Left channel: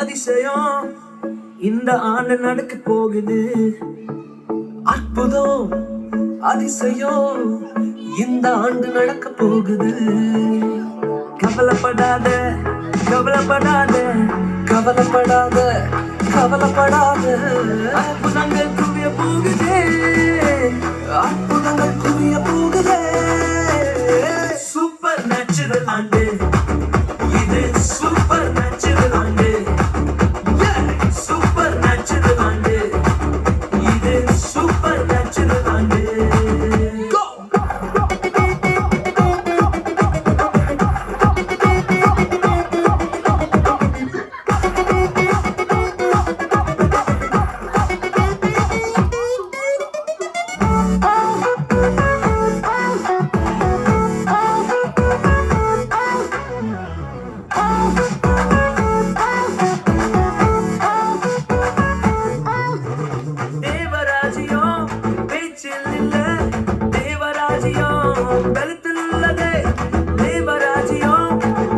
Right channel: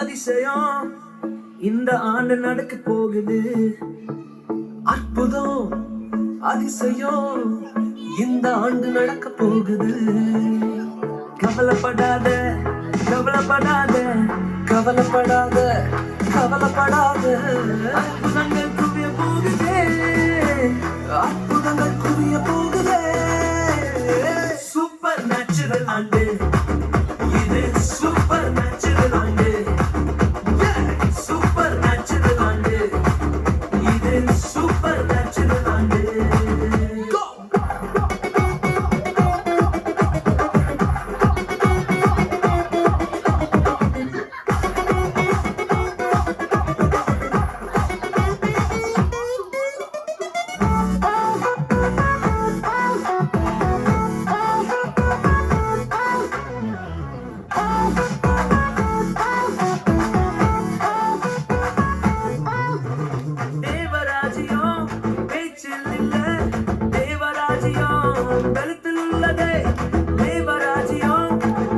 அதிசயம் இந்த ஆண்டு நடக்க போகுது. அற்புதம் அதிசயம் இந்த ஆண்டு நடக்க போகுது. கவலைப்படாத கவலைப்படாத கவலைப்படாத கவலைப்படாத. அற்புதங்கள் குவிய போகுதே, அற்புதங்கள் குவிய போகுதே. சூப்பர் நேச்சுரல் ஆண்டு இது, சூப்பர் நேச்சுரல் ஆண்டு. சூப்பர் நேச்சுரல் ஆண்டு இது, சூப்பர் நேச்சுரல் ஆண்டு. தேவராஜ்யம் பேச்சில் இல்ல, தேவராஜ்யம் கழுத்தில் உள்ளதே. தேவராஜ்யம்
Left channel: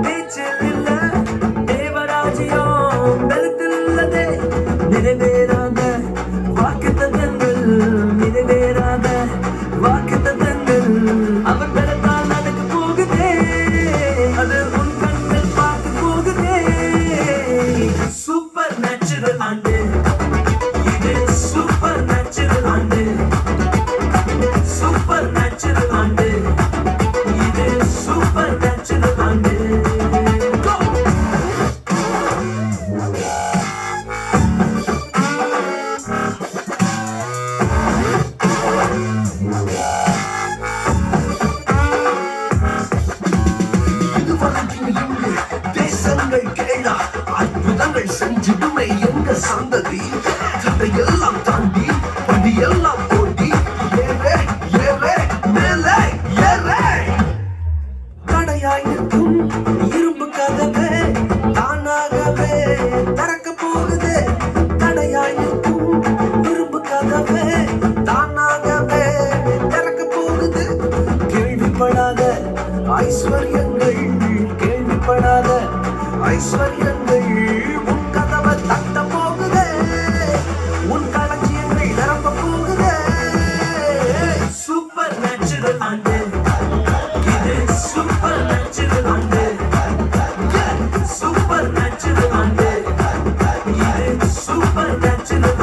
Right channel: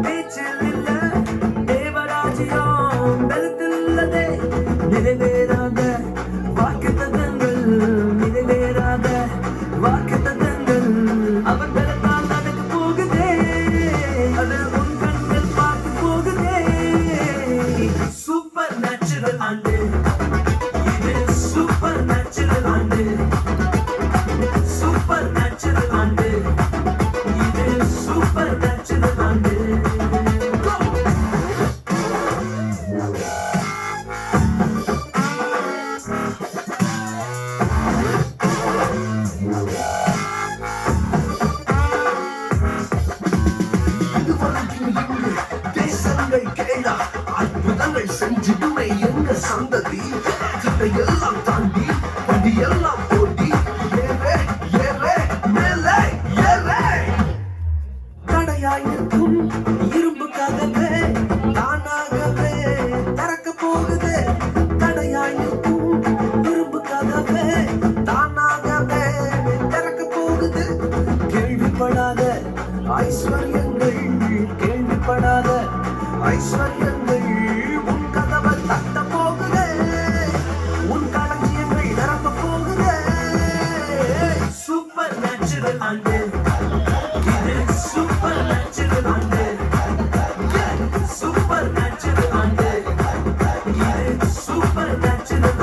பேச்சில் இல்ல, தேவராஜ்யம் கழுத்தில் உள்ளதே. நிறைவேறாத வாக்குத்தத்தங்கள், நிறைவேறாத வாக்குத்தத்தங்கள் அவர் பெறத்தால் நடக்க போகுதே. அது உன் கண்கள் பார்க்க போகுதே. சூப்பர் நேச்சுரல் ஆண்டு இது, சூப்பர் நேச்சுரல் ஆண்டு. சூப்பர் நேச்சுரல் ஆண்டு இது, சூப்பர் நேச்சுரல் ஆண்டு. தேசங்கள் கேளா, அற்புதங்கள் செஞ்சிடுமே எங்க சந்ததி. தடையெல்லாம் தாண்டி படியெல்லாம் ஓடி ஏறே ஏறே மேலே ஏறே. தடையாய் நிற்கும் இரும்பு கதவே தானாகவே திறக்க போகுது. தடையாய் நிற்கும் இரும்பு கதவே தானாகவே திறக்க போகுது. கேள்விப்படாத ஐஸ்வர்யங்கள், கேள்விப்படாத ஐஸ்வர்யங்கள் உன் கதவை தட்ட போகுதே. உன் களஞ்சியங்கள் நிரம்ப போகுதே. சூப்பர் நேச்சுரல் ஆண்டு இது, சூப்பர் நேச்சுரல் ஆண்டு. சூப்பர் நேச்சுரல் ஆண்டு இது, சூப்பர் நேச்சுரல்